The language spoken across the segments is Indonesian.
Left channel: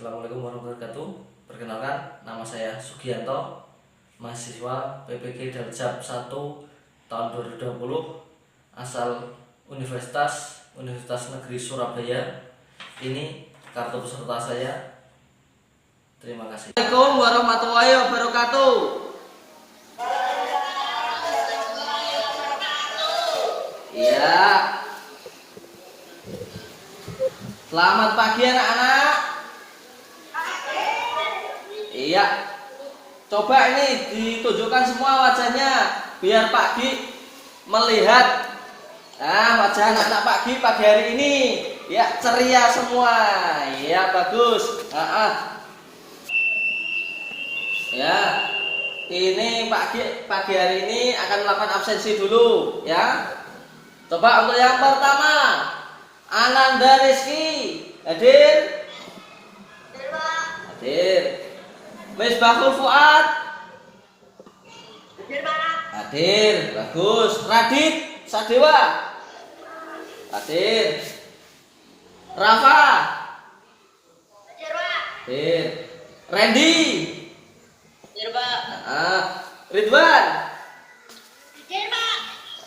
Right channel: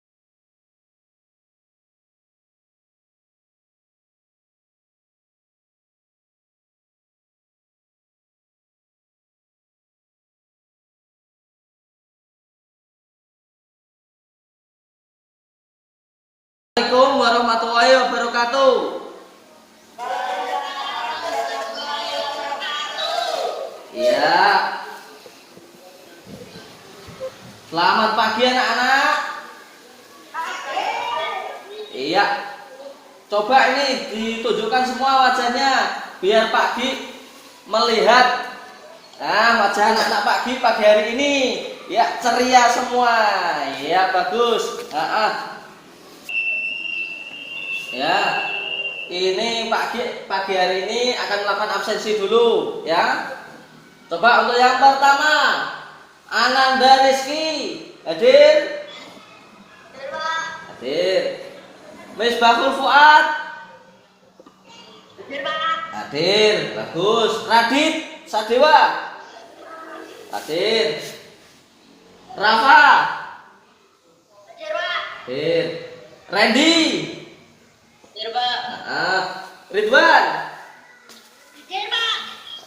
Assalamualaikum warahmatullahi wabarakatuh. Perkenalkan, nama saya Sugianto, mahasiswa PPG Darjab 1 tahun 2020, asal Universitas Negeri Surabaya. Ini kartu peserta saya. Terima kasih. Assalamualaikum warahmatullahi wabarakatuh. Ya. Selamat pagi anak-anak. Iya. Coba ini ditunjukkan semua wajahnya biar Pak Di melihat. Nah, wajah anak-anak Pak Di pagi hari ini ya ceria semua. Ya, bagus. Ya. Ini Pak Di pagi hari ini akan melakukan absensi dulu, ya. Coba untuk yang pertama, Ananda Rizky, hadir? Hadir. Misbahul Fuad, hadir, bagus. Radit Sadewa, hadir. Rafa, hadir. Randy, Ridwan,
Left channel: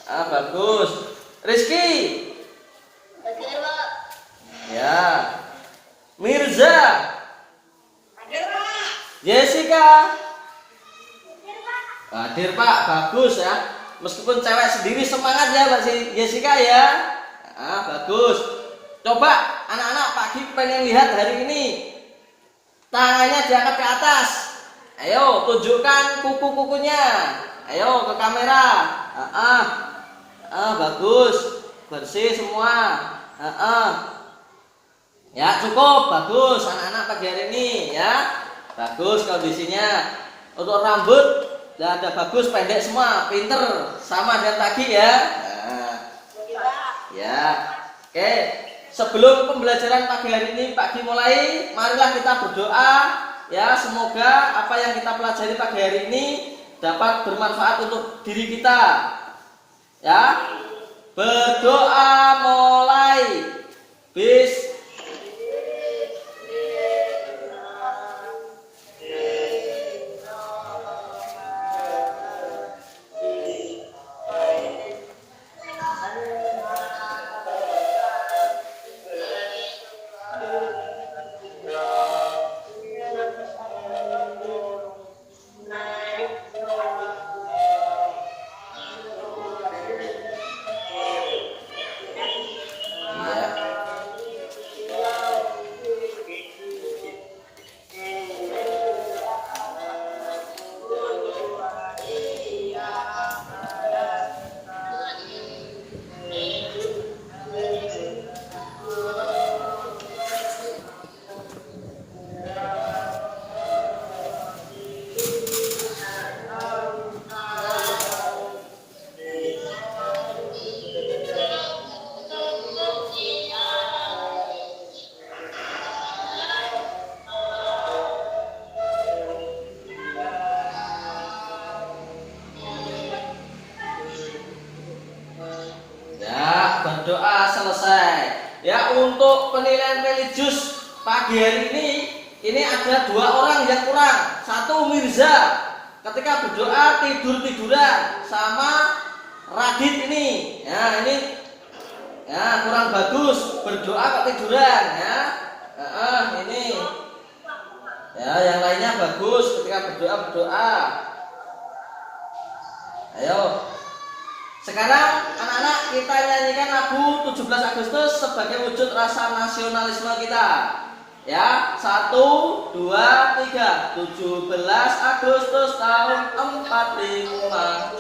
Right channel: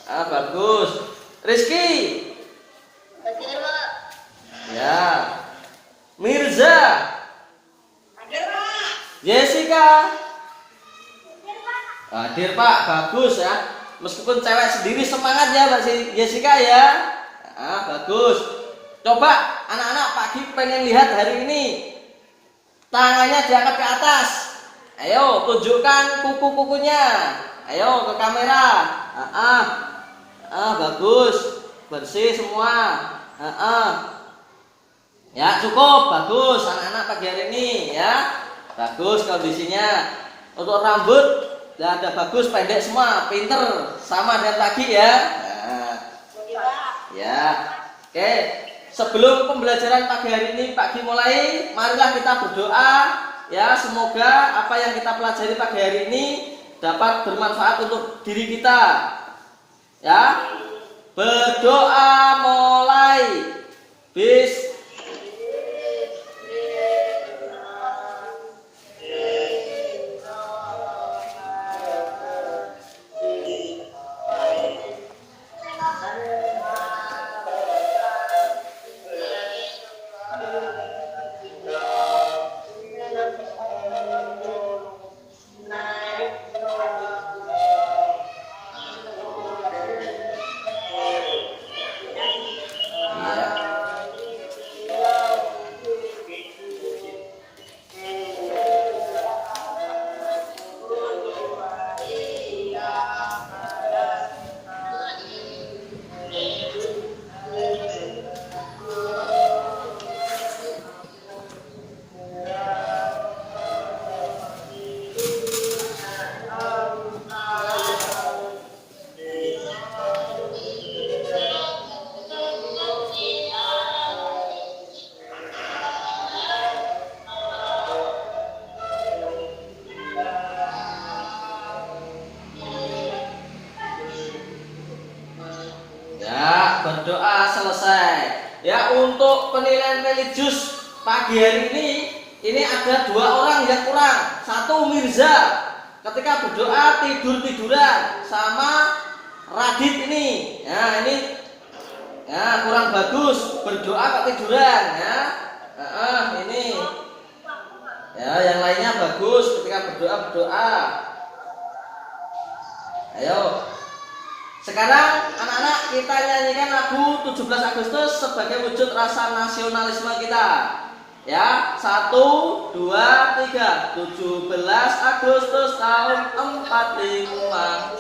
bagus. Rizky, ya. Mirza, Jessica, hadir Pak, bagus ya. Meskipun cewek sendiri semangat ya Mbak Jessica ya. Bagus. Coba anak-anak Pak Di pengen lihat hari ini. Tangannya diangkat ke atas. Ayo tunjukkan kuku-kukunya. Ayo ke kamera. Bagus. Bersih semua. Ya cukup, bagus anak-anak pagi hari ini ya. Bagus kondisinya. Untuk rambut ya ada bagus, pendek semua, pinter sama dengan tadi ya. Ya. Oke, sebelum pembelajaran pagi hari ini Pak Di mulai, marilah kita berdoa ya, semoga apa yang kita pelajari pagi hari ini dapat bermanfaat untuk diri kita. Ya. Berdoa mulai. Berdoa selesai. Ya, untuk penilaian religius pagi hari ini ada 2 orang yang kurang. Satu Mirza, ketika berdoa tiduran sama Radit ini. Ya, ini ya kurang bagus, berdoa kok tiduran ya. Ini. Ya, yang lainnya bagus ketika berdoa. Ayo. Sekarang anak-anak kita nyanyikan lagu 17 Agustus sebagai wujud rasa nasionalisme kita. Ya, 1, 2, 3. 17 Agustus tahun 45.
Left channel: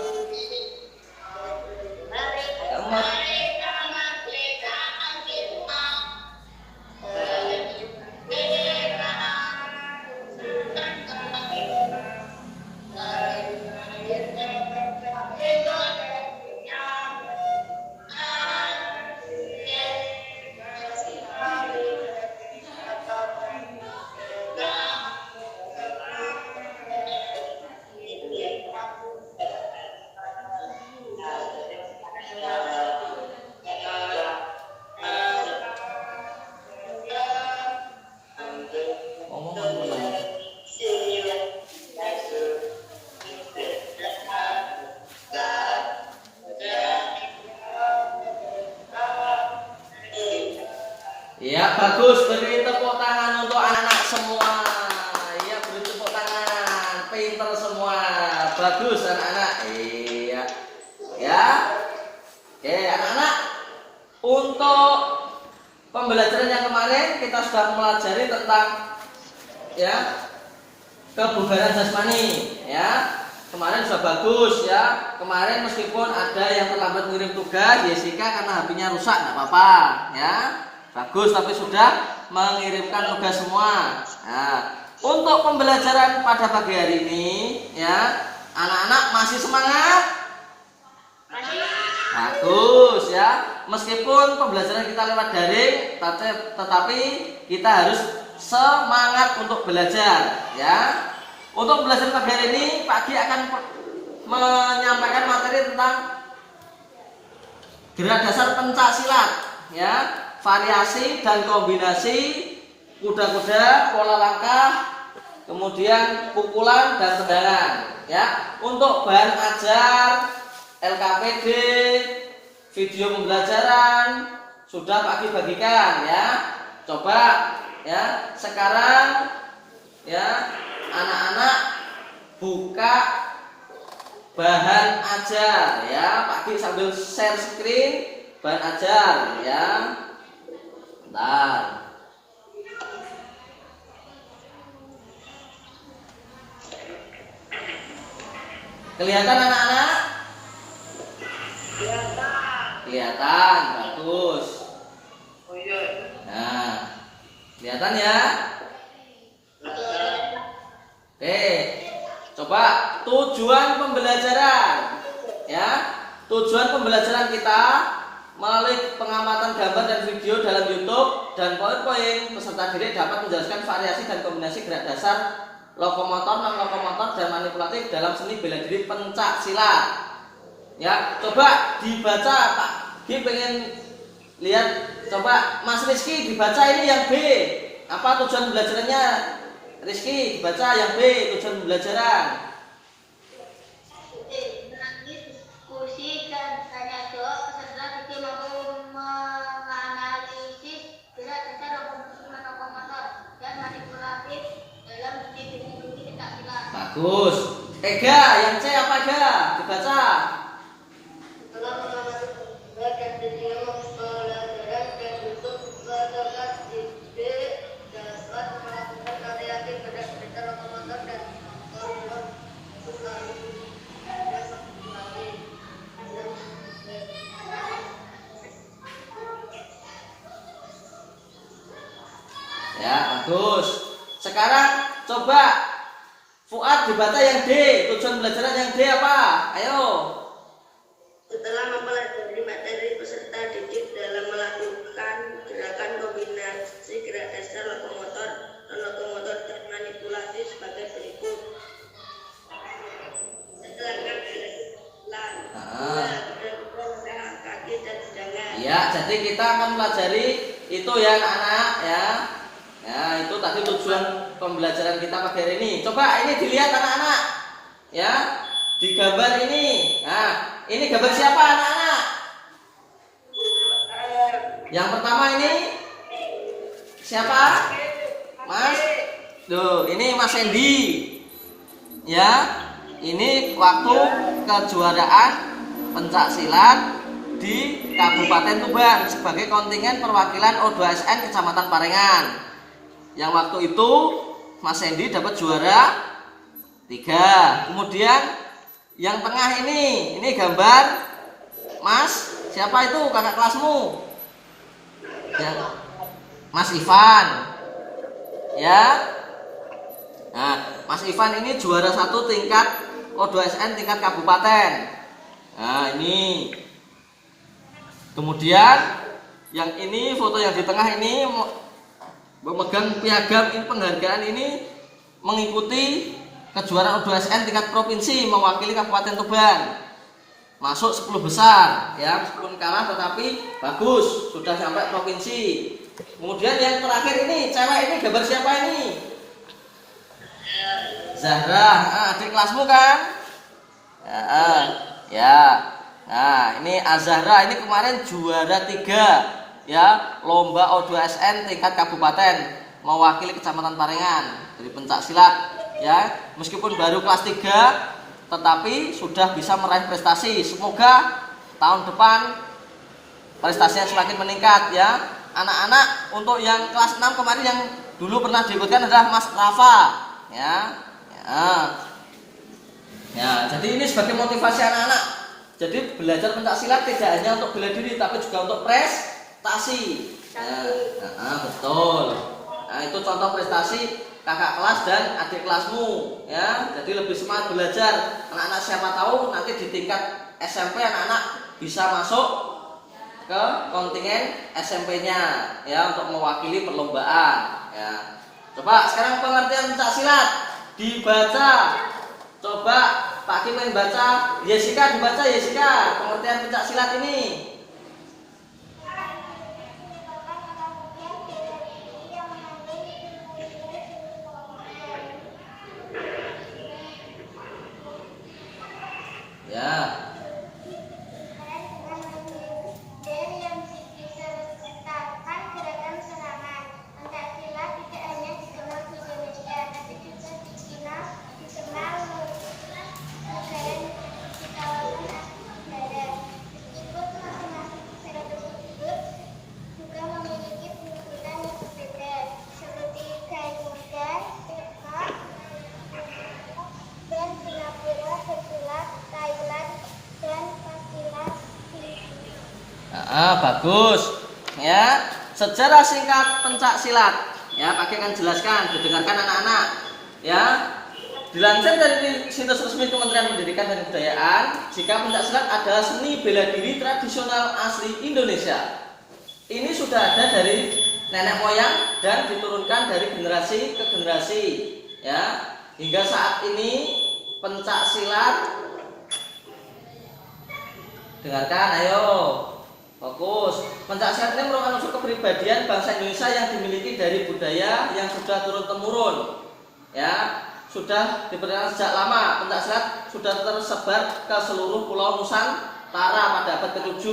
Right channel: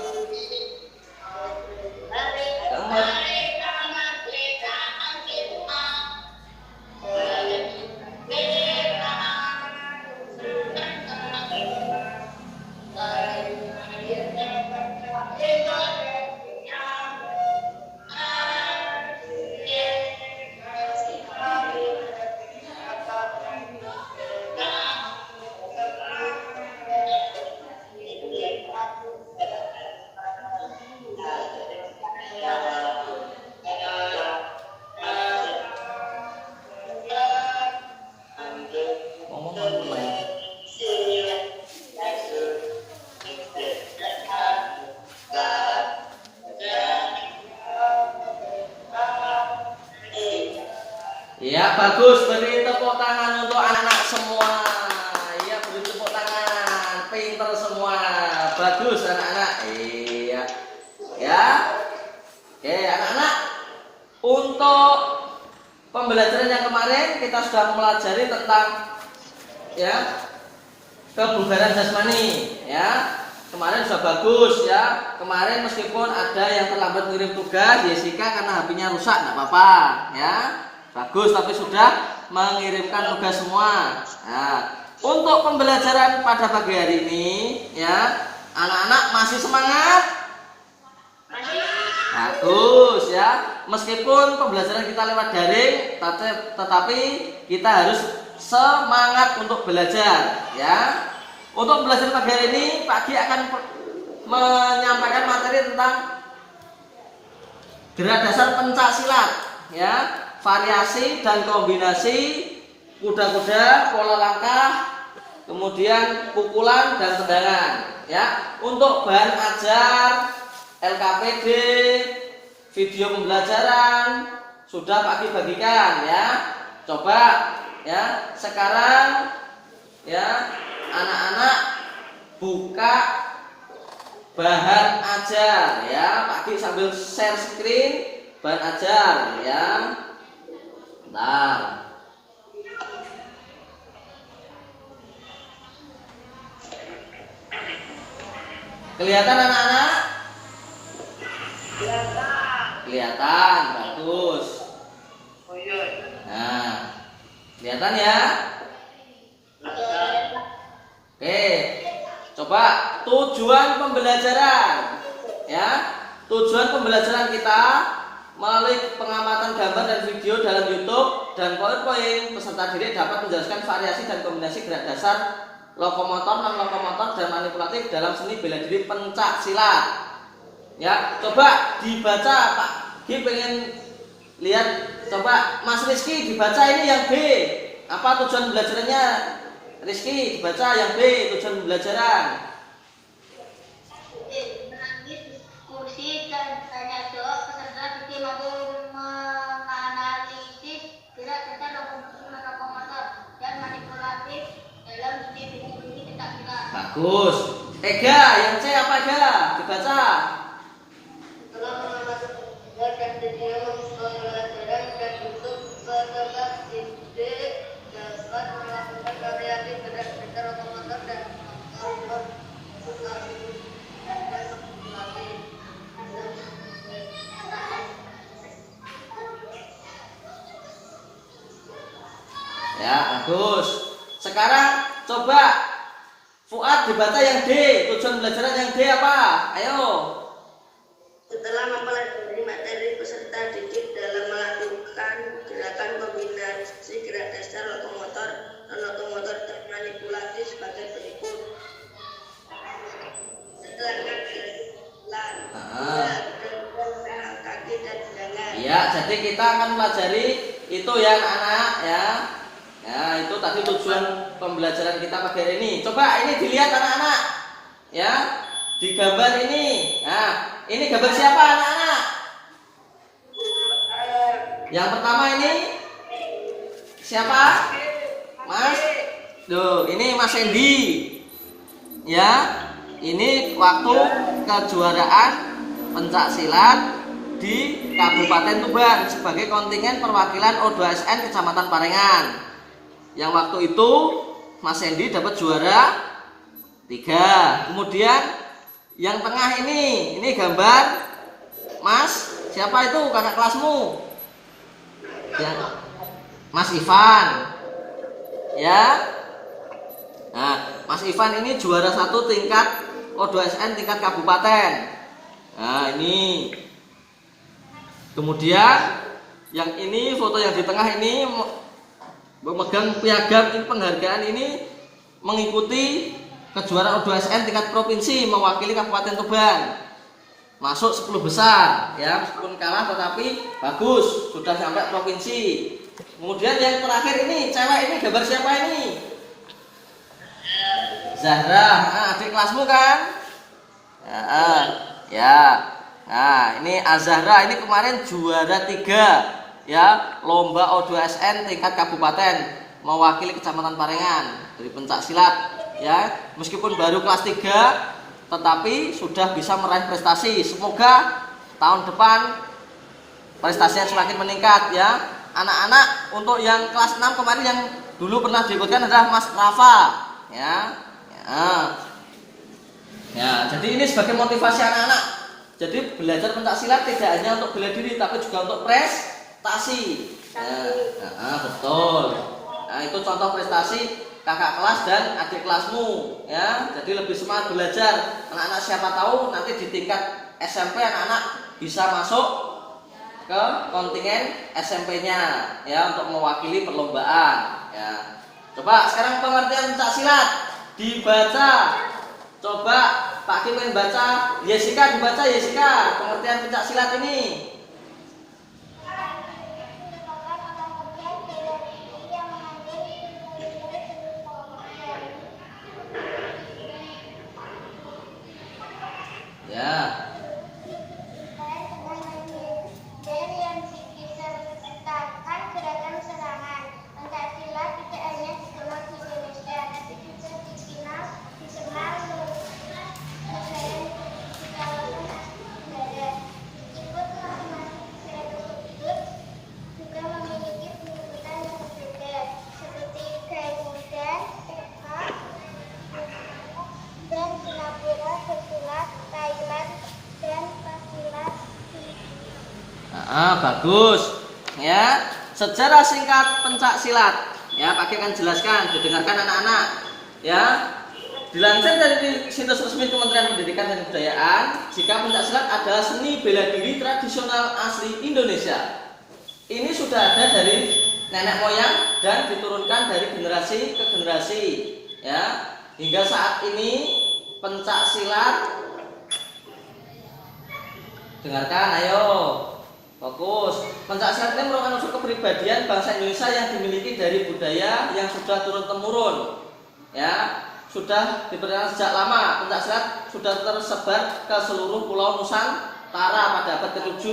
tepuk tangan untuk anak-anak semua. Ya, beri tepuk tangan. Pinter semua. Bagus anak-anak. Iya. Ya. Oke, anak-anak. Untuk pembelajaran yang kemarin kita sudah mempelajari tentang ya kebugaran jasmani. Ya. Kemarin sudah bagus ya. Kemarin meskipun ada yang terlambat ngirim tugas, Jessica karena HP-nya rusak, nggak apa-apa ya. Bagus, tapi sudah mengirimkan tugas semua. Nah, untuk pembelajaran pada pagi hari ini ya, anak-anak masih semangat? Bagus ya. Meskipun pembelajaran kita lewat daring, tetapi kita harus semangat untuk belajar ya. Untuk belajar pagi hari ini, Pak Gi akan menyampaikan materi tentang gerak dasar pencak silat, ya, variasi dan kombinasi kuda-kuda, pola langkah, kemudian pukulan dan tendangan, ya. Untuk bahan ajar, LKPD, video pembelajaran sudah Pak Gi bagikan, ya. Coba, ya. Sekarang, ya. Anak-anak buka bahan ajar ya, Pak Gi sambil share screen bahan ajar ya. Bentar. Kelihatan anak-anak? Kelihatan, bagus. Oh iya. Nah, kelihatan ya? Oke, coba tujuan pembelajaran ya. Tujuan pembelajaran kita melalui pengamatan gambar dan video dalam YouTube dan PowerPoint, peserta didik dapat menjelaskan variasi dan kombinasi gerak dasar lokomotor, non lokomotor dan manipulatif dalam seni bela diri pencak silat. Ya, coba dibaca Pak Gi pengen lihat, coba Mas Rizky dibaca ini yang B. Apa tujuan belajarannya? Rizky, baca yang B, tujuan pembelajaran. Diskusi dan tanya jawab peserta didik mampu menganalisis gerak dasar lokomotor dan manipulatif dalam studi pencak silat. Bagus. Ega, yang C apa Ega? Dibaca. Setelah mengamati dan video pembelajaran dan YouTube peserta didik dapat melakukan variasi gerak dasar lokomotor dan motor dan manipulatif. Ya, bagus. Sekarang coba Fuad dibaca yang D, tujuan pembelajaran yang D apa? Ayo. Setelah mempelajari materi peserta didik dalam melakukan gerakan kombinasi gerak dasar lokomotor, non-lokomotor dan manipulasi sebagai berikut. Setelah jalan, kaki dan tendangan. Ya, jadi kita akan pelajari itu ya anak-anak ya. Ya, itu tadi tujuan pembelajaran kita pada hari ini. Coba ini dilihat anak-anak. Ya, di gambar ini. Nah, ini gambar siapa anak-anak? Yang pertama ini siapa? Mas. Tuh, ini Mas Endi. Ya, ini waktu kejuaraan pencak silat di Kabupaten Tuban sebagai kontingen perwakilan O2SN Kecamatan Parengan. Yang waktu itu Mas Endi dapat juara 3. Kemudian yang tengah ini gambar Mas, siapa itu kakak kelasmu? Ya, Mas Ivan. Ya. Nah, Mas Ivan ini juara 1 tingkat O2SN tingkat kabupaten. Nah, ini. Kemudian yang ini foto yang di tengah ini memegang piagam ini, penghargaan ini mengikuti kejuaraan O2SN tingkat provinsi mewakili Kabupaten Tuban. Masuk 10 besar ya, meskipun kalah tetapi bagus, sudah sampai provinsi. Kemudian yang terakhir ini, cewek ini gambar siapa ini? Zahra, adik kelasmu kan? Ya. Nah, ini Azahra ini kemarin juara 3 ya lomba O2SN tingkat kabupaten mewakili Kecamatan Parengan dari pencak silat ya. Meskipun baru kelas 3 tetapi sudah bisa meraih prestasi. Semoga tahun depan prestasinya semakin meningkat ya. Anak-anak untuk yang kelas 6 kemarin yang dulu pernah diikutkan adalah Mas Rafa ya. Ya, jadi ini sebagai motivasi anak-anak. Jadi belajar pencak silat tidak hanya untuk bela diri tapi juga untuk prestasi. Betul. Nah, itu contoh prestasi kakak kelas dan adik kelasmu ya. Jadi lebih semangat belajar. Anak-anak siapa tahu nanti di tingkat SMP anak-anak bisa masuk ke kontingen SMP-nya ya untuk mewakili perlombaan ya. Coba sekarang pengertian pencak silat dibaca. Coba Pak Kim baca, Jessica dibaca Jessica pengertian pencak silat ini. Ya. Dan yang disertakan gerakan serangan. Pencak silat tidak hanya dikenal di Indonesia, tapi juga dikenal negara di kawasan Asia Tenggara. Meskipun masing-masing negara tersebut juga memiliki penyebutan yang berbeda, seperti Garuda, Tiongkok, dan Singapura, bersilat, Thailand, dan pasilat Filipina. Bagus ya. Sejarah singkat pencak silat ya, Pak Kim akan jelaskan, didengarkan anak-anak ya. Dilansir dari situs resmi Kementerian Pendidikan dan Kebudayaan, jika pencak silat adalah seni bela diri tradisional asli Indonesia. Ini sudah ada dari nenek moyang dan diturunkan dari generasi ke generasi ya. Hingga saat ini pencak silat, dengarkan ayo fokus. Pencak silat ini merupakan unsur kepribadian bangsa Indonesia yang dimiliki dari budaya yang sudah turun temurun ya. Sudah diperkenalkan sejak lama. Pencak silat sudah tersebar ke seluruh pulau Nusantara pada abad ke-7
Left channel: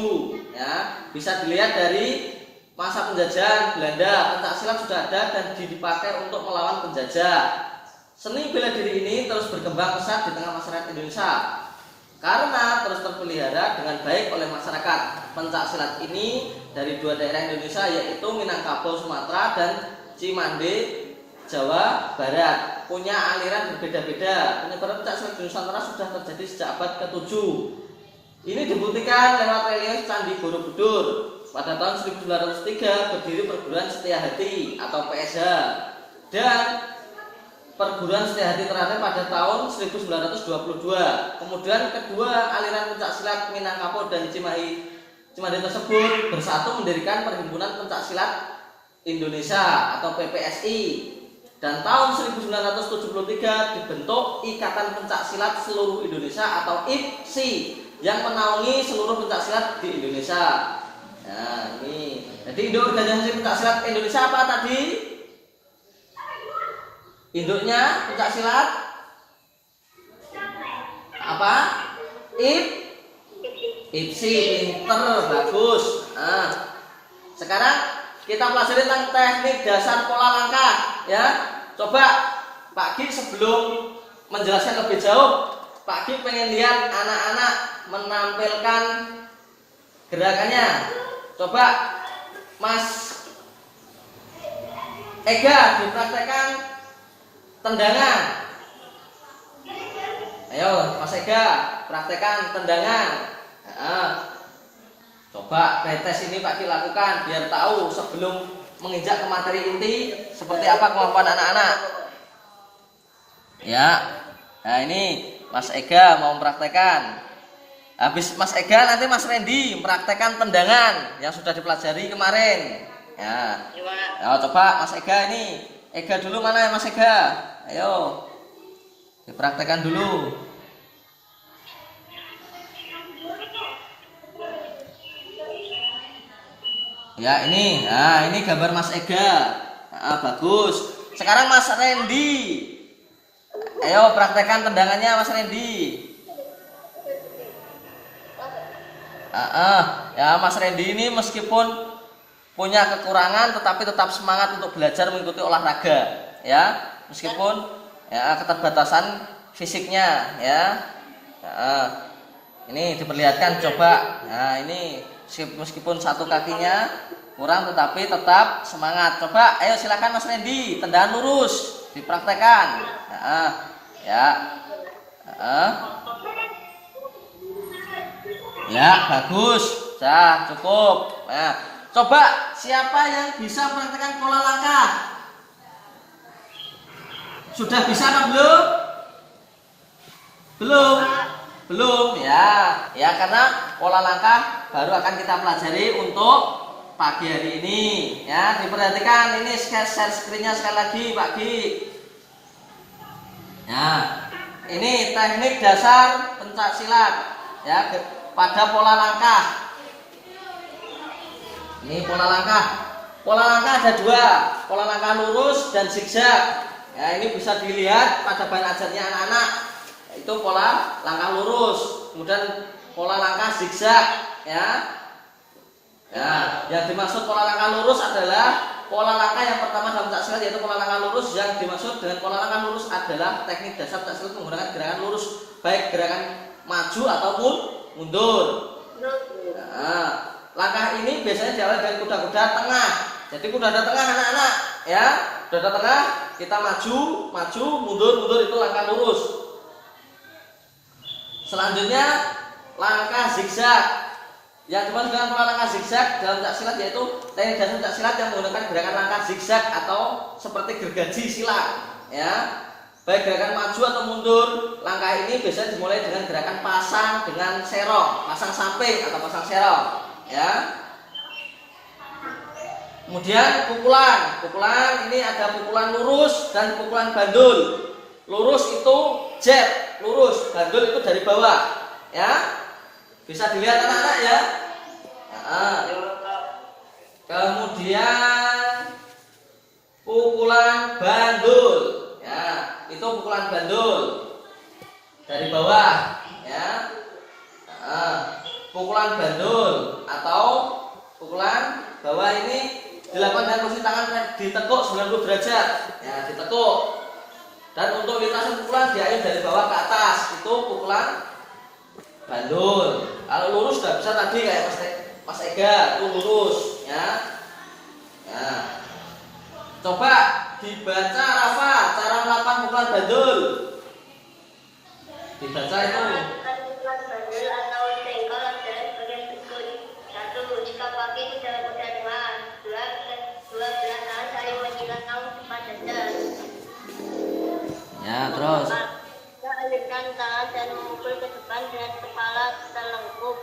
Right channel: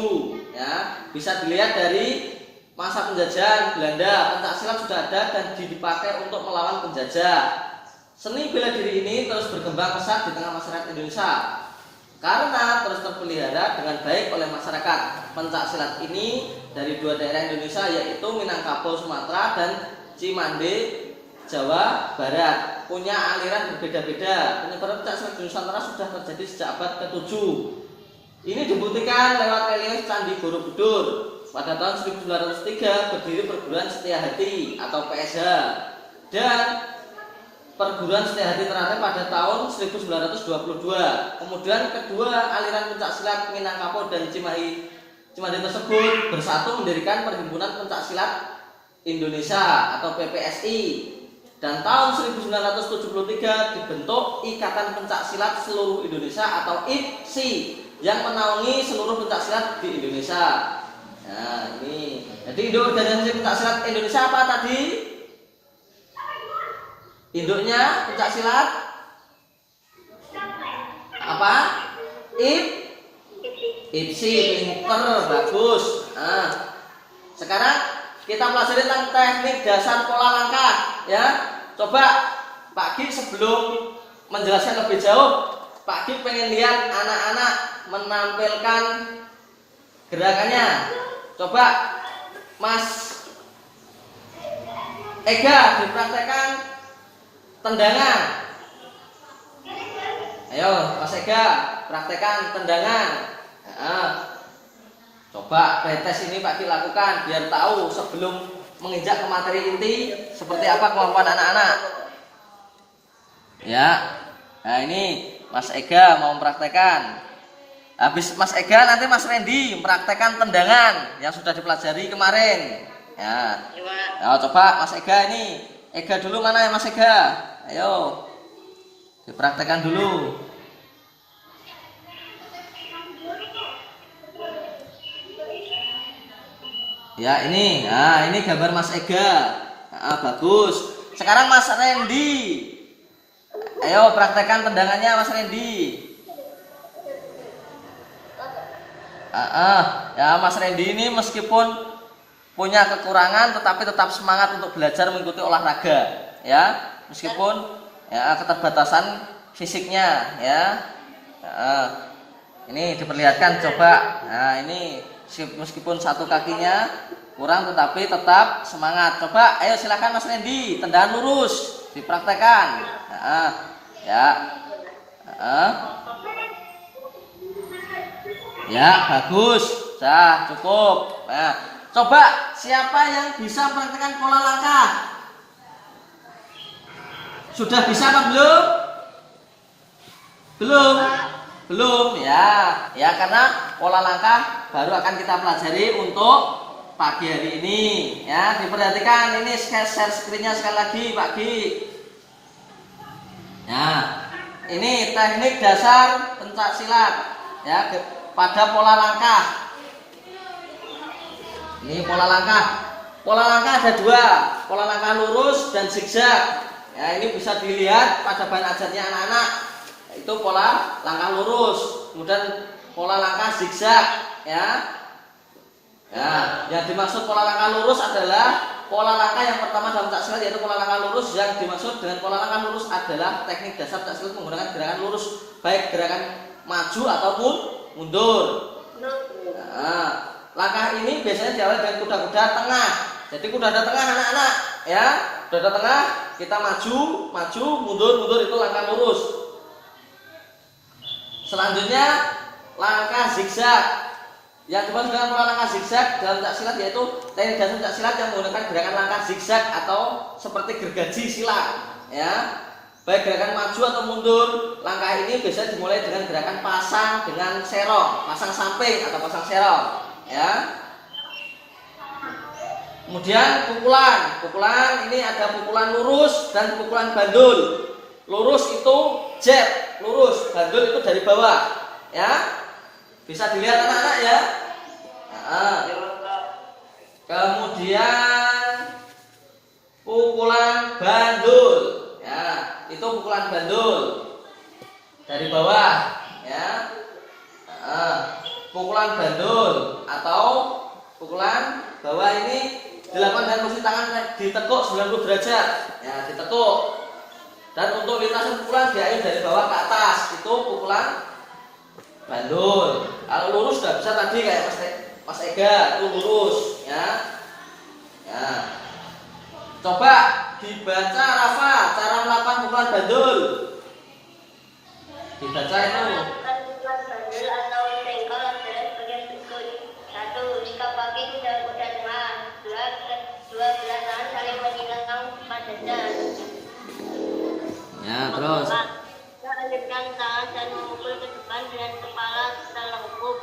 ya. Bisa dilihat dari masa penjajahan Belanda, pencak silat sudah ada dan dipakai untuk melawan penjajah. Seni bela diri ini terus berkembang pesat di tengah masyarakat Indonesia karena terus terpelihara dengan baik oleh masyarakat. Pencak silat ini dari 2 daerah Indonesia yaitu Minangkabau Sumatera dan Cimande Jawa Barat, punya aliran berbeda-beda. Penyebaran pencak silat di Nusantara sudah terjadi sejak abad ke-7. Ini dibuktikan lewat relief Candi Borobudur. Pada tahun 1903 berdiri perguruan Setiahati atau PSH, dan perguruan Setiahati terakhir pada tahun 1922. Kemudian kedua aliran pencak silat Minangkabau dan Cimande tersebut bersatu mendirikan Perhimpunan Pencak Silat Indonesia atau PPSI. Dan tahun 1973 dibentuk Ikatan Pencak Silat Seluruh Indonesia atau IPSI yang menaungi seluruh pencak silat di Indonesia. Nah ini, jadi induk organisasi pencak silat Indonesia apa tadi? Induknya pencak silat apa? IPSI, pinter, bagus. Nah, sekarang kita pelajari tentang teknik dasar pola langkah ya. Coba Pak Ki sebelum menjelaskan lebih jauh, Pak Ki pengen lihat anak-anak menampilkan gerakannya. Coba Mas Ega dipraktekkan tendangan. Ayo Mas Ega praktekkan tendangan. Coba pretest ini Pak Ki lakukan biar tahu sebelum menginjak ke materi inti seperti apa kemampuan anak-anak. Ya. Nah ini Mas Ega mau mempraktekkan. Habis Mas Ega nanti Mas Randy mempraktekkan tendangan yang sudah dipelajari kemarin. Ya. Nah, coba Mas Ega ini. Ega dulu mana ya Mas Ega? Ayo. Dipraktekkan dulu. Ya ini, nah ini gambar Mas Ega. Bagus. Sekarang Mas Randy. Ayo praktekkan tendangannya Mas Randy. Ya Mas Randy ini meskipun punya kekurangan tetapi tetap semangat untuk belajar mengikuti olahraga, ya, meskipun ya keterbatasan fisiknya, ya. Ini diperlihatkan coba. Nah, ini meskipun satu kakinya kurang tetapi tetap semangat. Coba, ayo silakan Mas Randy, tendangan lurus dipraktekkan. Ya. Ya, bagus. Dah, cukup. Nah, coba siapa yang bisa mempraktekkan pola langkah? Sudah bisa apa belum? Belum. Belum, ya. Ya, karena pola langkah baru akan kita pelajari untuk pagi hari ini. Ya, diperhatikan ini share screen-nya sekali lagi, Pak Gi. Nah, ini teknik dasar pencak silat, ya, pada pola langkah. Ini pola langkah. Pola langkah ada dua, pola langkah lurus dan zigzag. Ya, ini bisa dilihat pada bahan ajarnya anak-anak. Itu pola langkah lurus, kemudian pola langkah zigzag, ya. Ya, yang dimaksud pola langkah lurus adalah pola langkah yang pertama dalam pencak silat, yaitu pola langkah lurus. Yang dimaksud dengan pola langkah lurus adalah teknik dasar pencak silat menggunakan gerakan lurus, baik gerakan maju ataupun mundur. Nah, langkah ini biasanya diawali dengan kuda-kuda tengah. Jadi kuda-kuda tengah anak-anak, ya, kuda-kuda tengah kita maju, mundur, itu langkah lurus. Selanjutnya langkah zigzag. Yang dimaksud dengan pola langkah zigzag dalam pencak silat yaitu teknik dasar pencak silat yang menggunakan gerakan langkah zigzag atau seperti gergaji silat, ya. Baik gerakan maju atau mundur, langkah ini biasanya dimulai dengan gerakan pasang dengan serong, pasang samping atau pasang serong, ya. Kemudian pukulan ini ada pukulan lurus dan pukulan bandul. Lurus itu jab, lurus, bandul itu dari bawah, ya. Bisa dilihat anak-anak, ya. Kemudian pukulan bandul, ya, itu pukulan bandul dari bawah, ya. Pukulan bandul atau pukulan bawah ini dilakukan dengan posisi tangan ditekuk 90 derajat, ya, ditekuk. Dan untuk lintasan pukulan diayun dari bawah ke atas, itu pukulan bandul. Kalau lurus sudah bisa tadi kayak Mas Ega, itu lurus, ya. Nah, coba dibaca Rafa cara melakukan pukulan bandul. Dibaca itu. Pukulan bandul atau cengkol adalah bagian berikut. 1. Jika kaki kuda-kuda tengah. 2. Belah tangan saling menyilang depan dada. Ya, terus. Alirkan tangan dan memukul ke depan dengan kepala terlengkup.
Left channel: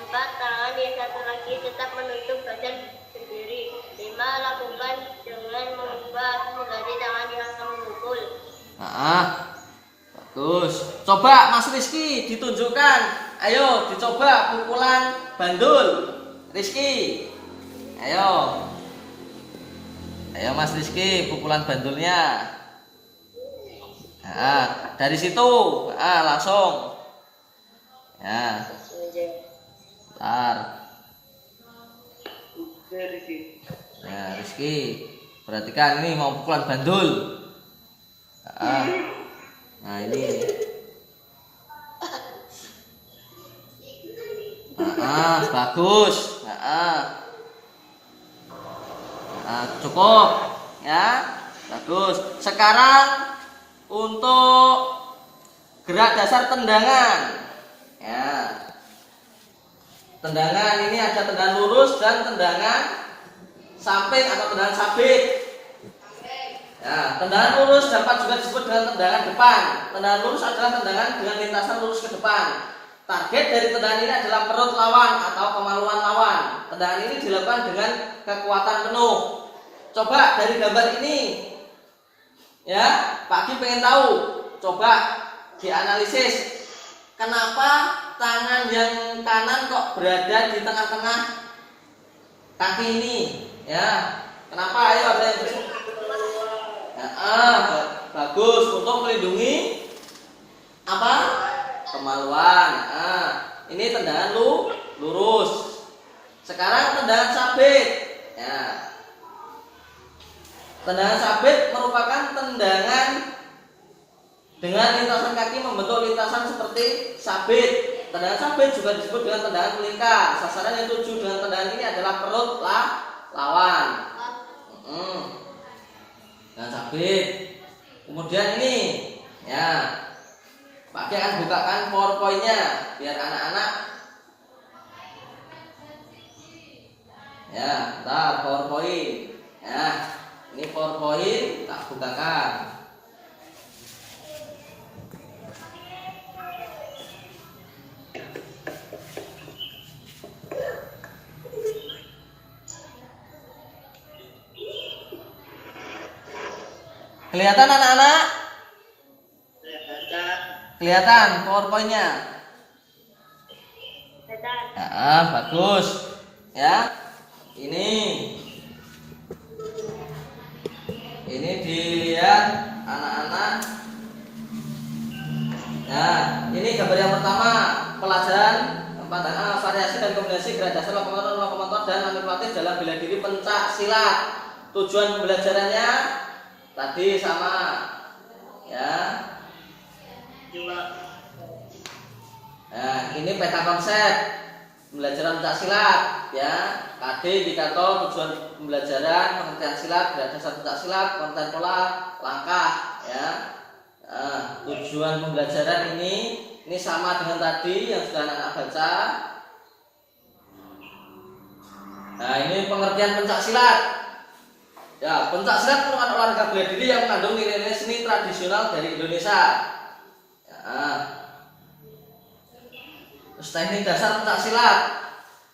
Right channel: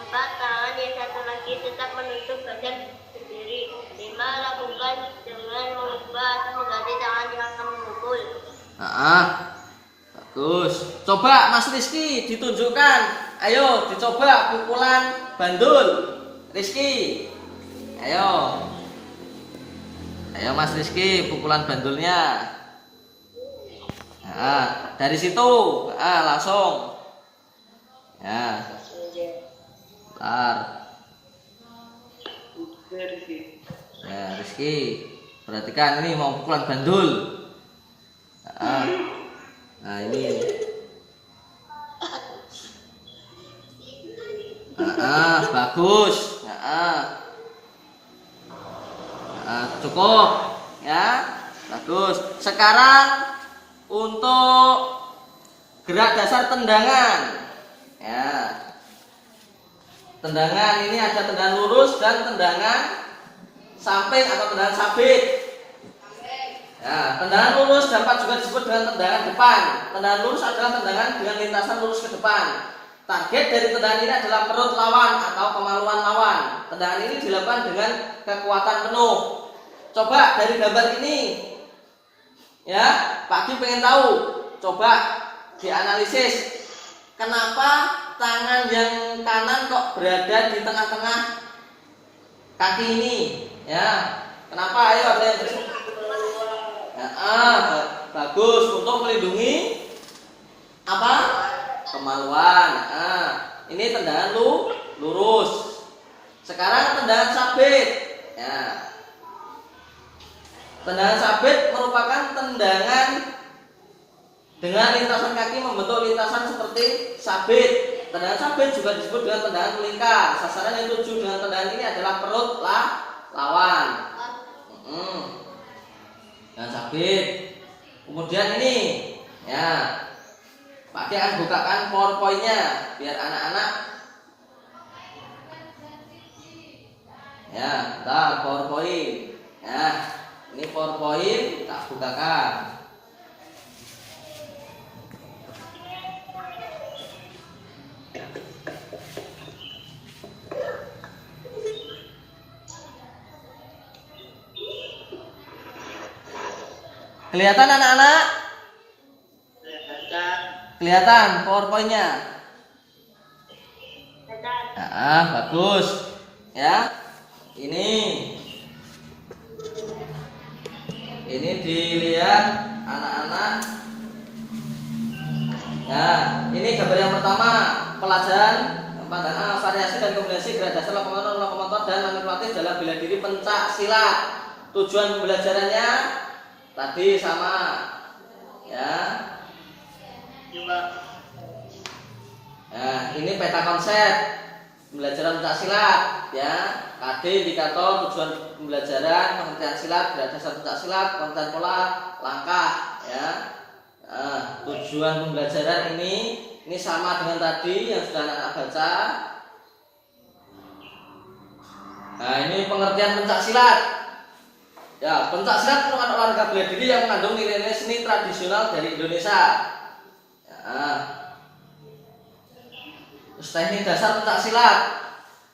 4. Tangan yang satu lagi tetap menutup badan sendiri. 5. Lakukan dengan mengubah atau mengganti tangan yang memukul. Bagus. Coba Mas Rizky ditunjukkan. Ayo dicoba pukulan bandul. Rizky. Ayo Mas Rizky pukulan bandulnya. Dari situ langsung, ya. Bentar. Nah, Rizky, perhatikan ini mau pukulan bandul. Nah, ini. Bagus. Cukup, ya. Bagus. Sekarang untuk gerak dasar tendangan, ya. Tendangan ini ada tendangan lurus dan tendangan samping atau tendangan sabit. Ya, tendangan lurus dapat juga disebut dengan tendangan depan. Tendangan lurus adalah tendangan dengan lintasan lurus ke depan. Target dari tendangan ini adalah perut lawan atau kemaluan lawan. Tendangan ini dilakukan dengan kekuatan penuh. Coba dari gambar ini, ya, Pak Ki pengen tahu. Coba dianalisis. Kenapa tangan yang kanan kok berada di tengah-tengah kaki ini? Ya, kenapa? Ayo ada yang bersih. Bagus untuk melindungi apa? Kemaluan. Ini tendangan lurus. Sekarang tendangan sabit. Ya. Tendangan sabit merupakan tendangan dengan lintasan kaki membentuk lintasan seperti sabit. Tendangan sabit juga disebut dengan tendangan melingkar. Sasaran yang tuju dengan tendangan ini adalah perut lawan. Tendangan sabit. Kemudian ini, ya, Pak Ki akan bukakan PowerPoint-nya biar anak-anak. Ya, bentar PowerPoint. Ya, ini PowerPoint tak bukakan. Kelihatan anak-anak? Kelihatan PowerPoint-nya? Ya, bagus. Ya. Ini dilihat anak-anak. Nah, ini gambar yang pertama, pelajaran pandangan variasi dan kombinasi gradasi lokomotor dan manipulatif dalam bela diri pencak silat. Tujuan pembelajarannya tadi sama, ya. Nah, ini peta konsep pembelajaran pencak silat, ya. Tadi indikator tujuan pembelajaran, pengertian silat, dasar pencak silat, konten pola, langkah, ya. Nah, tujuan pembelajaran ini sama dengan tadi yang sudah anak baca. Nah, ini pengertian pencak silat. Ya, pencak silat merupakan olahraga bela diri yang mengandung nilai-nilai seni tradisional dari Indonesia. Ya. Terus teknik dasar pencak silat.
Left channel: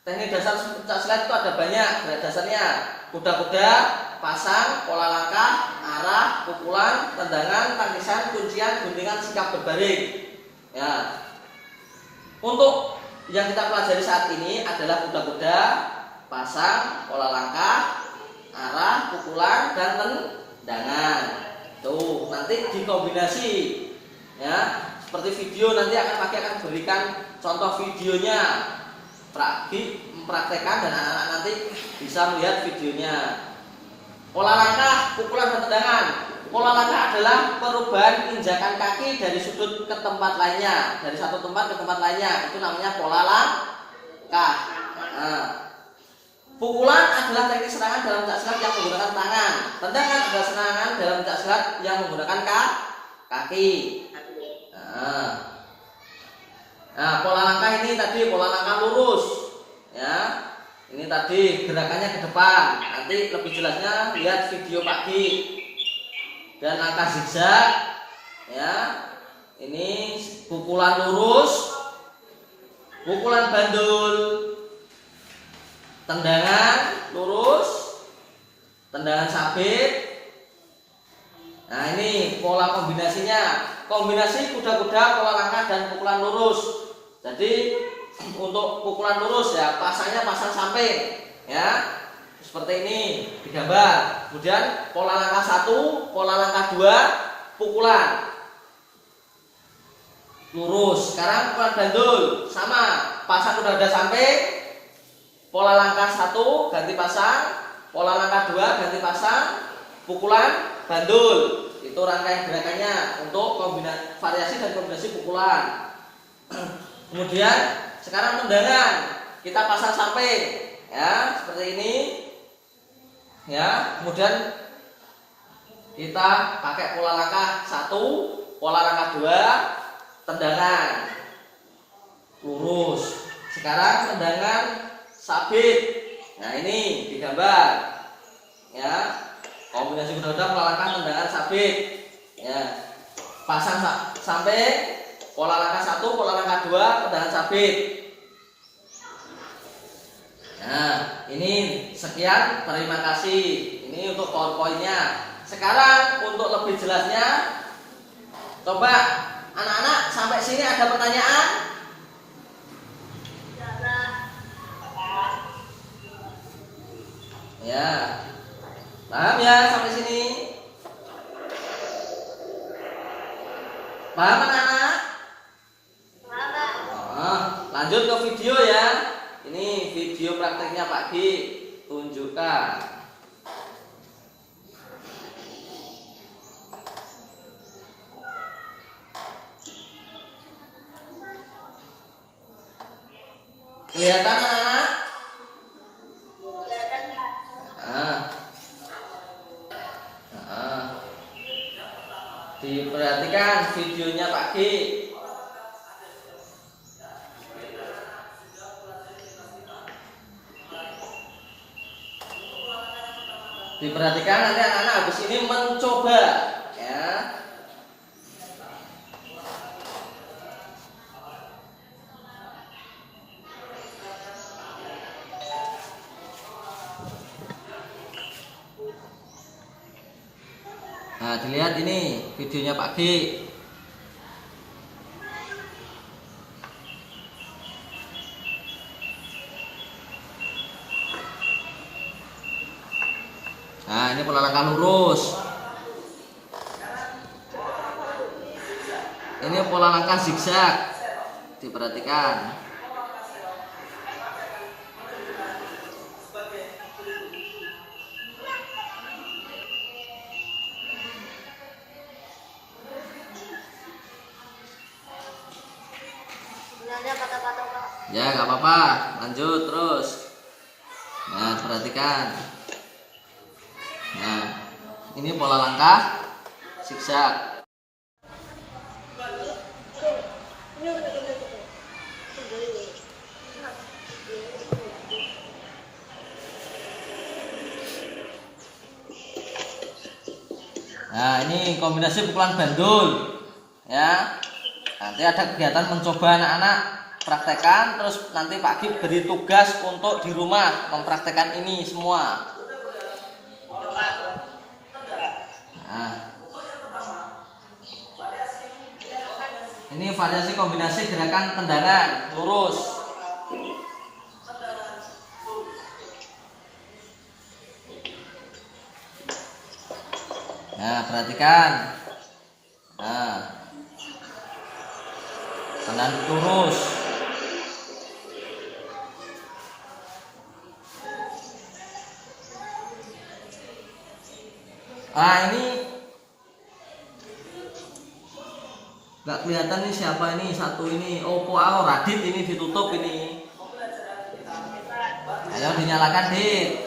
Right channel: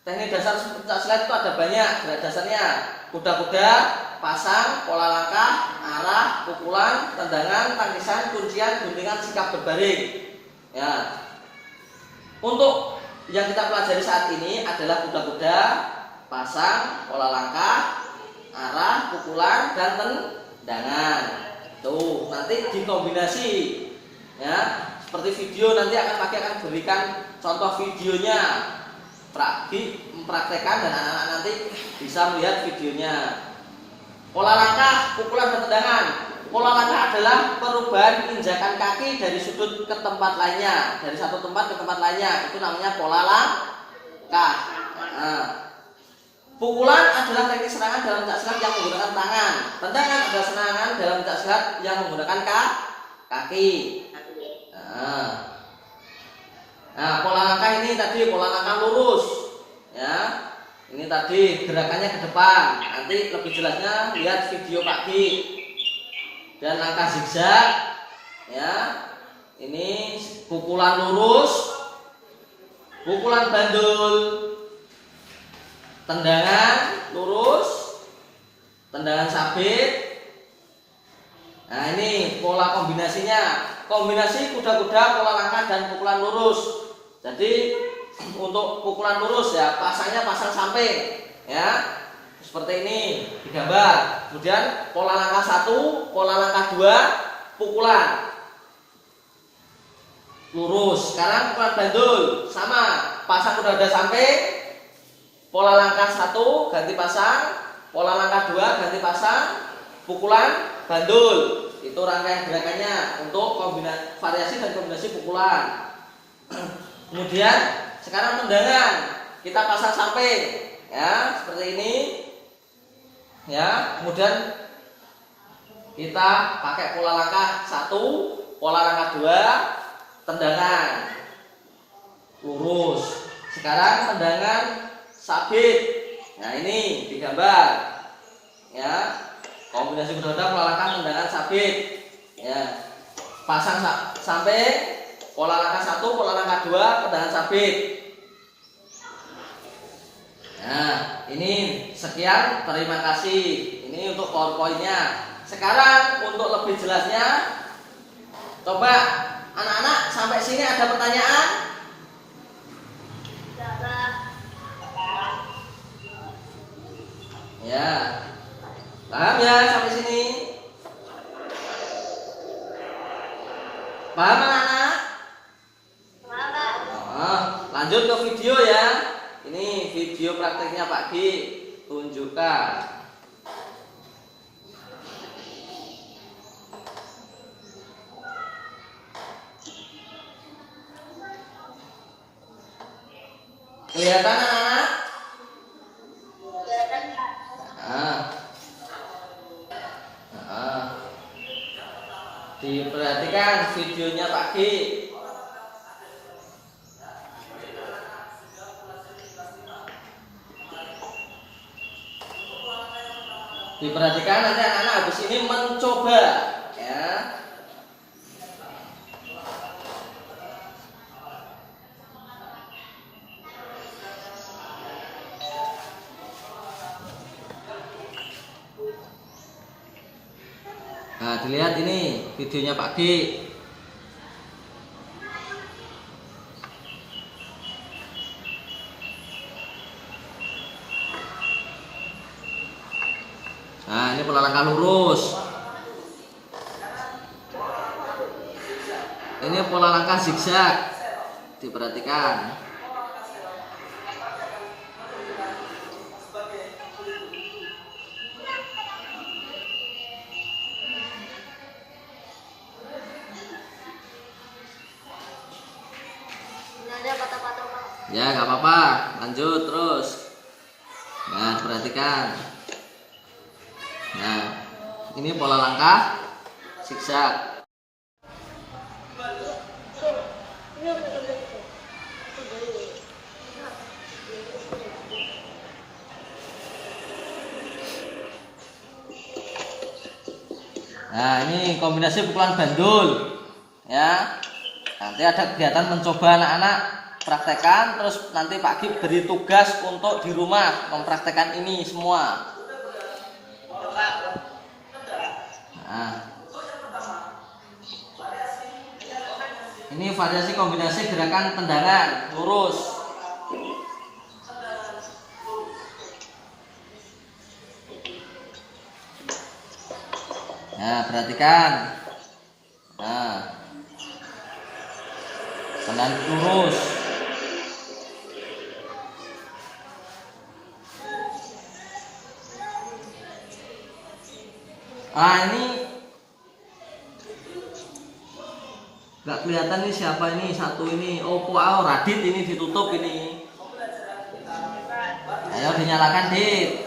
Teknik dasar pencak silat itu ada banyak dasarnya. Kuda-kuda, pasang, pola langkah, arah, pukulan, tendangan, tangisan, kuncian, guntingan, sikap berbaring. Ya. Untuk yang kita pelajari saat ini adalah kuda-kuda, pasang, pola langkah, arah, pukulan, dan tendangan. Tuh, nanti dikombinasi, ya. Seperti video nanti akan berikan contoh videonya. Mempraktekkan dan anak-anak nanti bisa melihat videonya. Pola langkah, pukulan, dan tendangan. Pola langkah adalah perubahan injakan kaki dari sudut ke tempat lainnya, dari satu tempat ke tempat lainnya. Itu namanya pola langkah. Nah, pukulan adalah teknik serangan dalam pencak silat yang menggunakan tangan. Tendangan adalah serangan dalam pencak silat yang menggunakan kaki. Nah, pola langkah ini tadi pola langkah lurus, ya. Ini tadi gerakannya ke depan. Nanti lebih jelasnya lihat video Pak Ki. Dan langkah zigzag, ya. Ini pukulan lurus, pukulan bandul, tendangan lurus, tendangan sabit. Nah, ini pola kombinasinya. Kombinasi kuda-kuda, pola langkah, dan pukulan lurus. Jadi untuk pukulan lurus, ya, pasangnya pasang samping, ya, seperti ini digambar. Kemudian pola langkah 1, pola langkah 2, pukulan lurus. Sekarang pukulan bandul sama, pasang kuda-kuda samping, pola langkah 1 ganti pasang, pola langkah 2 ganti pasang, pukulan bandul. Itu rangkaian gerakannya untuk kombinasi variasi dan kombinasi pukulan. Kemudian sekarang tendangan, kita pasang samping, ya, seperti ini, ya. Kemudian kita pakai pola langkah 1, pola langkah 2, tendangan lurus. Sekarang tendangan sabit. Nah, ini digambar, ya. Kombinasi kuda-kuda, pola langkah, tendangan sabit, ya. Pasang sampai pola langkah 1, pola langkah 2, tendangan sabit. Nah, ini sekian, terima kasih. Ini untuk PowerPoint-nya. Sekarang untuk lebih jelasnya, coba anak-anak sampai sini ada pertanyaan? Ya. Paham ya sampai sini? Paham anak-anak? Lanjut ke video ya. Ini video prakteknya Pak Ki. tunjukkan. Kelihatan anak-anak? Nah, nah. Diperhatikan videonya Pak G. Diperhatikan, nanti anak-anak habis ini mencoba ya. Nah, dilihat ini videonya Pak G. Nah, ini pola langkah lurus. Ini pola langkah zigzag. Diperhatikan. Ada patah-patah. Ya, nggak apa-apa. Lanjut terus. Nah, perhatikan. Nah, ini pola langkah zigzag. Nah, ini kombinasi pukulan bandul. Ya. Nanti ada kegiatan mencoba anak-anak praktekkan, terus nanti Pak Gib beri tugas untuk di rumah mempraktekkan ini semua. Nah, ini variasi kombinasi gerakan tendangan lurus. Nah, perhatikan. Nah, tenang lurus. Ah, ini nggak kelihatan nih siapa ini satu ini. Oh, Radit ini ditutup ini. Ayo dinyalakan, Dit.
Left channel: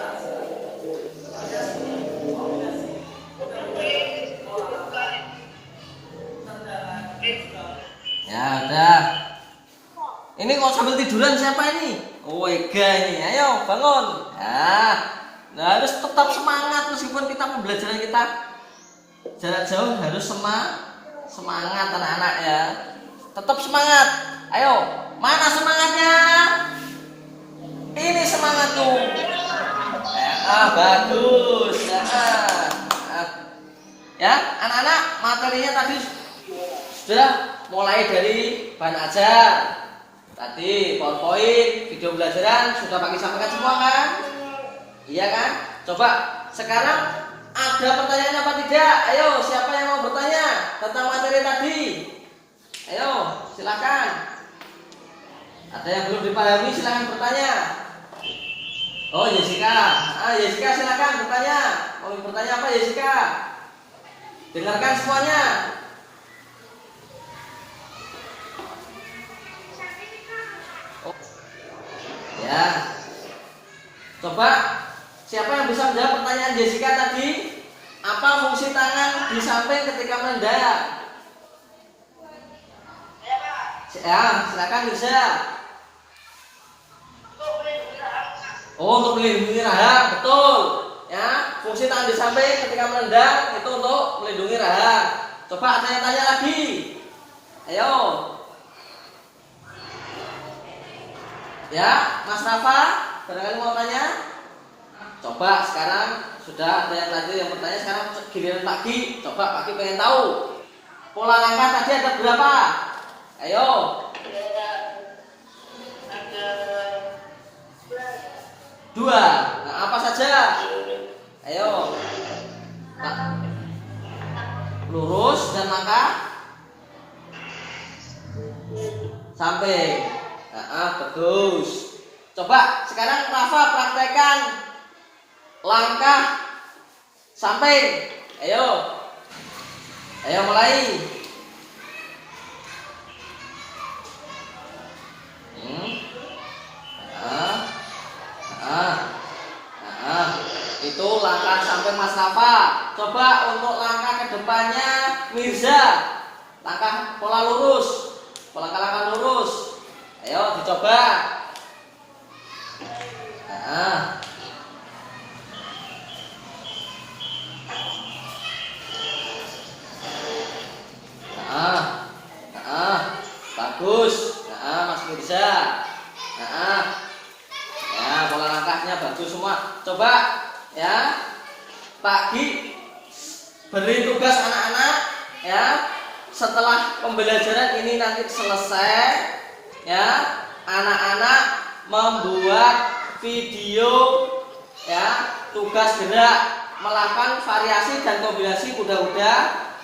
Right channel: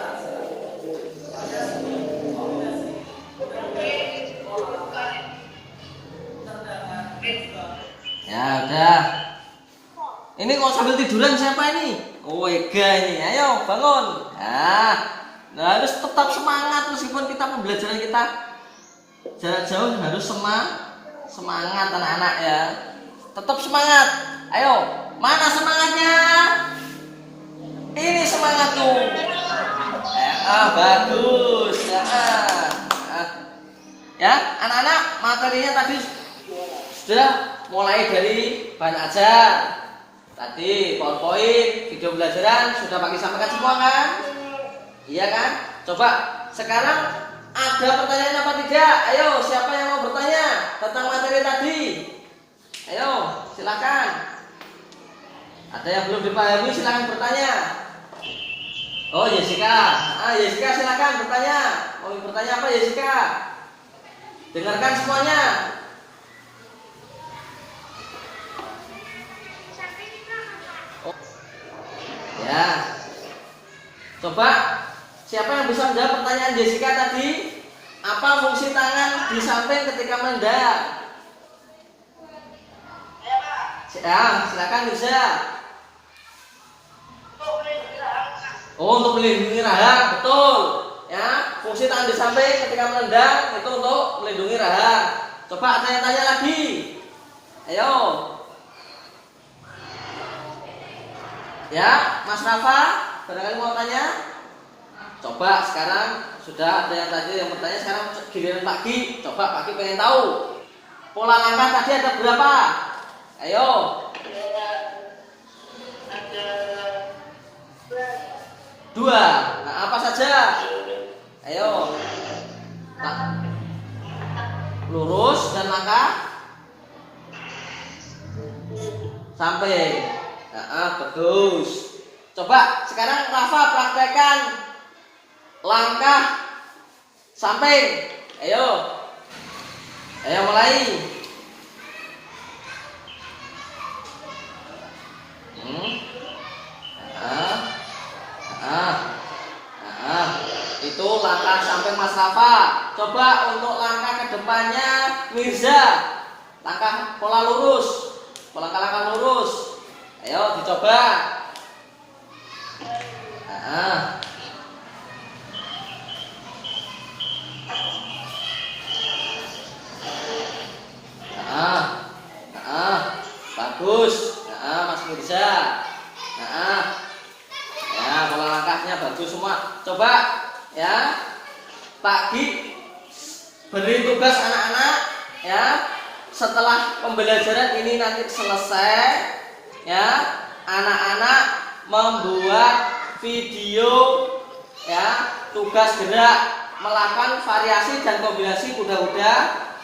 Ya udah. Ini kok sambil tiduran siapa ini? Oh, Ega ini. Ayo bangun. Nah, harus tetap semangat meskipun kita pembelajaran kita jarak jauh, harus semangat anak-anak ya. Tetap semangat. Ayo, mana semangatnya? Ini semangat tuh. Bagus. Ya, anak-anak, materinya tadi sudah mulai dari bahan ajar. Tadi PowerPoint, video pembelajaran sudah Pak Ki sampaikan semua kan? Iya kan? Coba sekarang ada pertanyaan apa tidak? Ayo, siapa yang mau bertanya tentang materi tadi? Ayo, silakan. Ada yang belum dipahami, silakan bertanya. Oh, Jessica. Jessica silakan bertanya. Mau bertanya apa, Jessica? Dengarkan semuanya. Oh. Ya. Coba siapa yang bisa menjawab pertanyaan Jessica tadi? Apa fungsi tangan di samping ketika menendang? Ya, silakan bisa. Oh, untuk melindungi rahang, betul. Ya, fungsi tangan di samping ketika menendang itu untuk melindungi rahang. Coba ada yang tanya lagi. Ayo. Ya, Mas Rafa, barangkali mau tanya? Coba sekarang sudah ada yang tadi yang bertanya, sekarang giliran Pak Ki. Coba Pak Ki pengen tahu. Pola langkah tadi ada berapa? Ayo. Ada 2. Nah, apa saja? Ayo. Lurus dan langkah samping. Bagus. Coba sekarang Rafa praktekkan langkah samping. Ayo. Ayo mulai. Itu langkah samping Mas Rafa. Coba untuk langkah ke depannya Mirza. Langkah pola lurus. Langkah lurus. Ayo dicoba. Bagus. Mas Mirza. Ya, pola langkahnya bagus semua. Coba ya. Pak Gi beri tugas anak-anak ya. Setelah pembelajaran ini nanti selesai ya, anak-anak membuat video ya, tugas gerak melakukan variasi dan kombinasi kuda-kuda,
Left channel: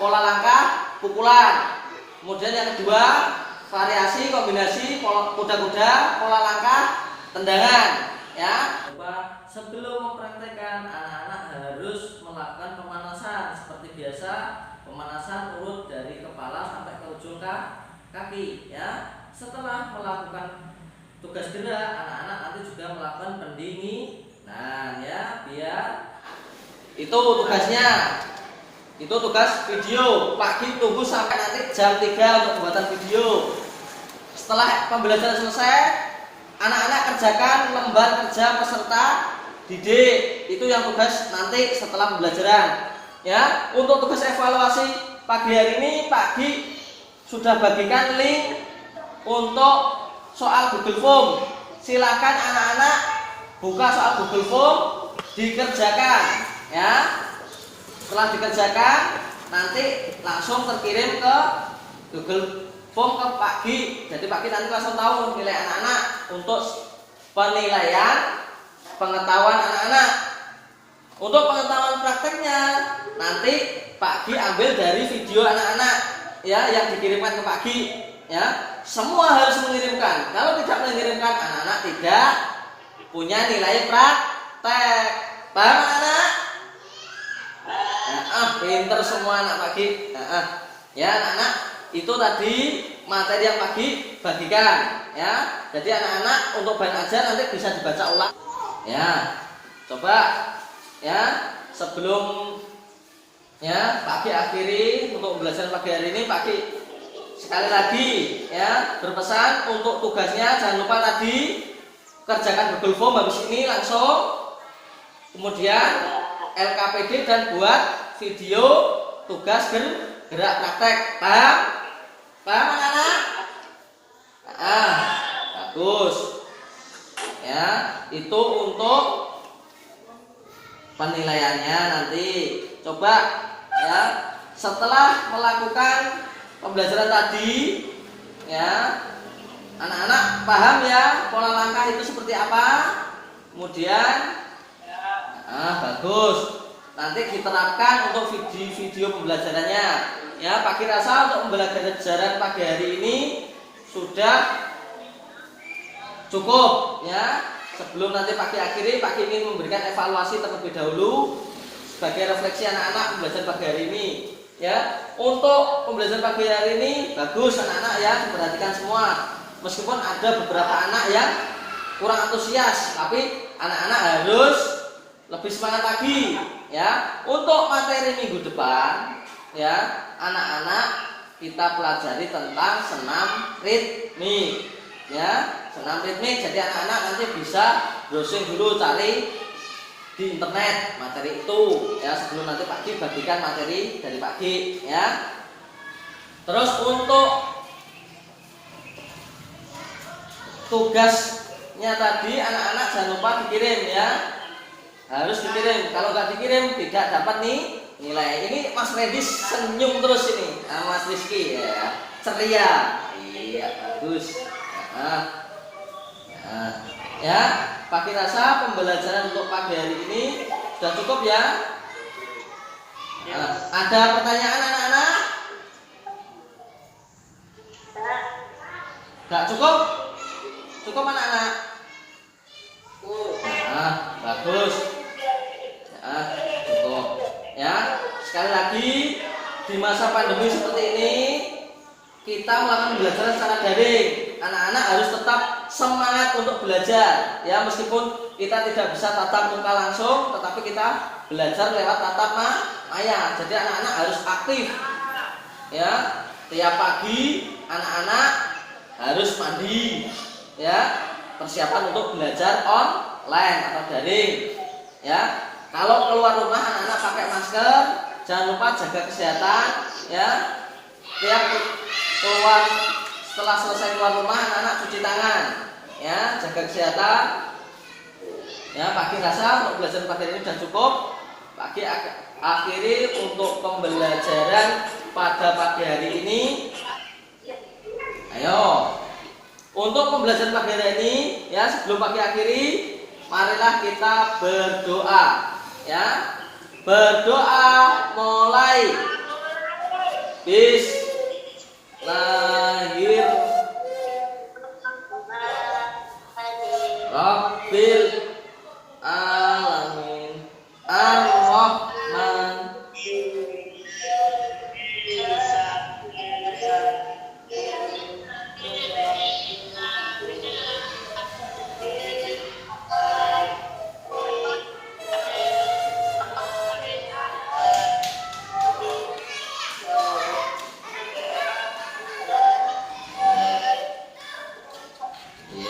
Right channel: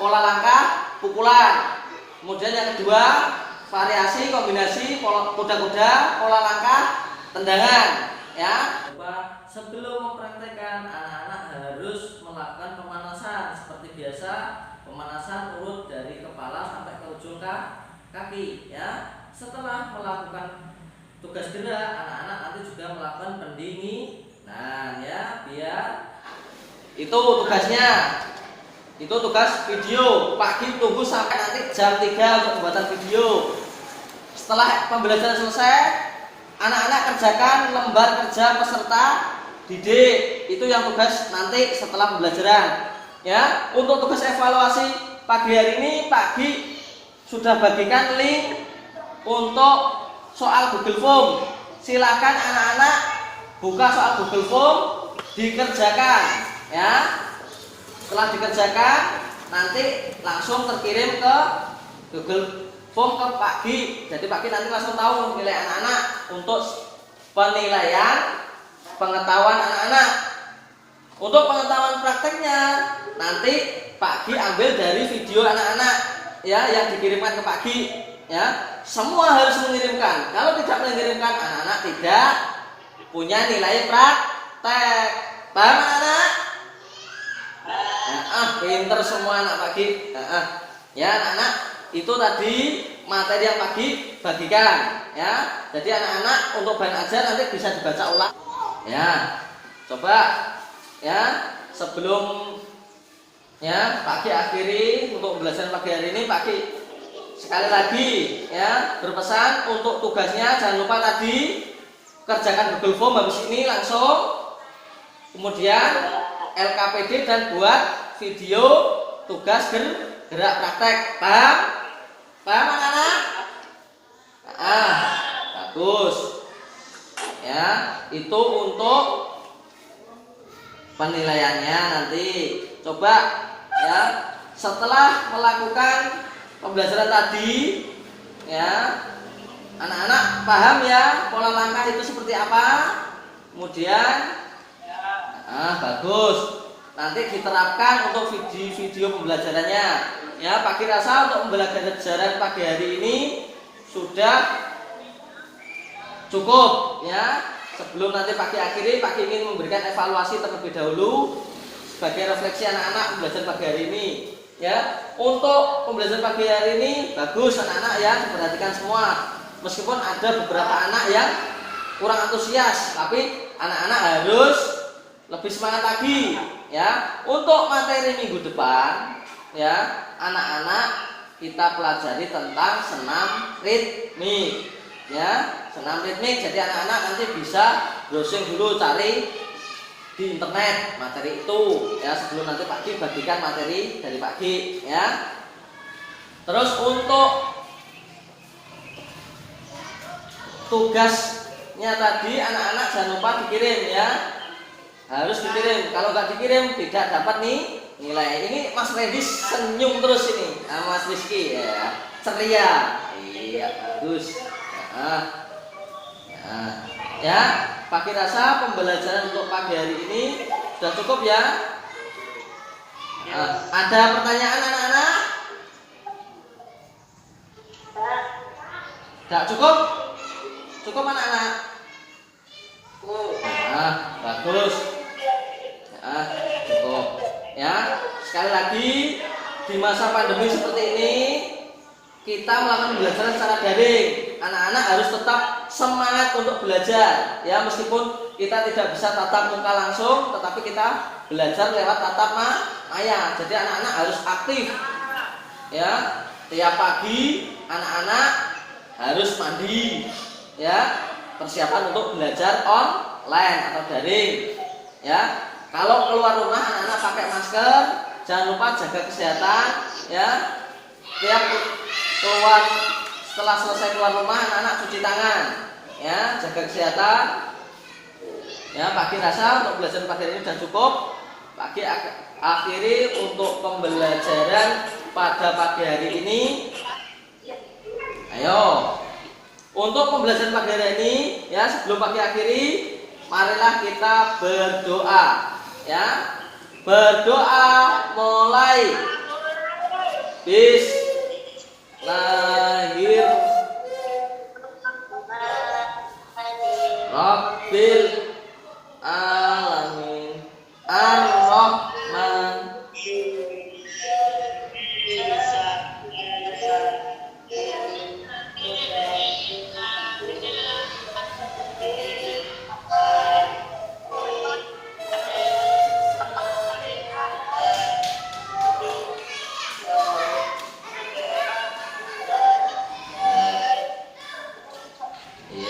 pola langkah, pukulan. Kemudian yang kedua, variasi kombinasi kuda-kuda, pola langkah, tendangan ya. Coba sebelum mempraktekkan, anak-anak harus melakukan pemanasan seperti biasa. Pemanasan urut dari kepala sampai ke ujung kaki ya. Setelah melakukan tugas gerak, anak-anak nanti juga melakukan pendinginan ya, biar itu tugasnya. Itu tugas video. Pagi tunggu sampai nanti jam 3 untuk pembuatan video. Setelah pembelajaran selesai, anak-anak kerjakan lembar kerja peserta didik. Itu yang tugas nanti setelah pembelajaran. Ya, untuk tugas evaluasi pagi hari ini Pak Gi sudah bagikan link untuk soal Google Form. Silakan anak-anak buka soal Google Form, dikerjakan ya. Setelah dikerjakan nanti langsung terkirim ke Google Form ke Pak Gi. Jadi Pak Gi nanti langsung tahu nilai anak-anak untuk penilaian pengetahuan anak-anak. Untuk pengetahuan prakteknya nanti Pak Gi ambil dari video anak-anak ya yang dikirimkan ke Pak Gi ya. Semua harus mengirimkan. Kalau tidak mengirimkan, anak-anak tidak punya nilai praktek. Paham anak-anak? Pinter semua anak Pak Gi. Ya anak-anak, itu tadi materi yang Pak Gi bagikan ya. Jadi anak-anak untuk bahan ajar nanti bisa dibaca ulang. Ya, coba ya, sebelum ya Pak Gi akhiri untuk pembelajaran pagi hari ini, Pak Gi sekali lagi ya berpesan untuk tugasnya jangan lupa tadi kerjakan Google Form habis ini langsung, kemudian LKPD dan buat video tugas gerak praktek. Paham? Paham anak-anak? Bagus ya, itu untuk penilaiannya nanti. Coba ya, setelah melakukan pembelajaran tadi ya, anak-anak paham ya pola langkah itu seperti apa. Kemudian bagus, nanti diterapkan untuk video pembelajarannya ya. Pak Gi rasa untuk pembelajaran pagi hari ini sudah cukup ya. Sebelum nanti Pak Gi akhiri, Pak Gi ingin memberikan evaluasi terlebih dahulu sebagai refleksi anak-anak pembelajaran pagi hari ini ya. Untuk pembelajaran pagi hari ini bagus anak-anak ya, diperhatikan semua. Meskipun ada beberapa anak yang kurang antusias, tapi anak-anak harus lebih semangat lagi ya. Untuk materi minggu depan ya, anak-anak kita pelajari tentang senam ritmik ya, senam ritmik. Jadi anak-anak nanti bisa browsing dulu, cari di internet materi itu ya, sebelum nanti Pak Gi bagikan materi dari Pak Gi ya. Terus untuk tugasnya tadi anak-anak jangan lupa dikirim ya, harus dikirim. Kalau nggak dikirim tidak dapat nih nilai. Ini Mas Redis senyum terus ini, Mas Rizky ya, ceria. Iya bagus. Ya, Pak Gi rasa pembelajaran untuk pagi hari ini sudah cukup ya. Ada pertanyaan anak-anak? Tidak cukup? Cukup anak-anak? Bagus. Cukup. Ya, sekali lagi di masa pandemi seperti ini kita melakukan pembelajaran secara daring. Anak-anak harus tetap semangat untuk belajar. Ya, meskipun kita tidak bisa tatap muka langsung, tetapi kita belajar lewat tatap maya. Jadi anak-anak harus aktif. Ya, tiap pagi anak-anak harus mandi. Ya, persiapan untuk belajar online atau daring. Ya, kalau keluar rumah anak-anak pakai masker, jangan lupa jaga kesehatan. Ya, tiap keluar setelah selesai keluar rumah anak-anak cuci tangan. Ya, jaga kesehatan. Ya, pagi rasa untuk belajar pagi ini sudah cukup. Pagi akhiri untuk pembelajaran pada pagi hari ini. Ayo, untuk pembelajaran pagi hari ini, ya sebelum pagi akhiri, marilah kita berdoa. Ya, berdoa mulai. Rabbil alamin ar-rahman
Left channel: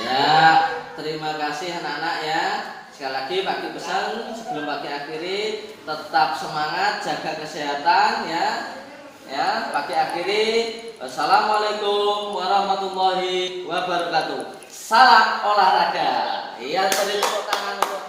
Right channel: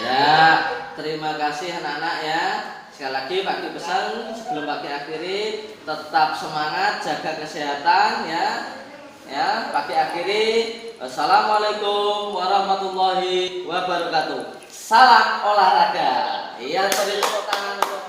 ya. Terima kasih anak-anak ya. Sekali lagi pagi pesan sebelum pagi akhiri, tetap semangat, jaga kesehatan ya. Ya, pagi akhiri. Assalamualaikum warahmatullahi wabarakatuh. Salam olahraga. Yang beri tepuk tangan untuk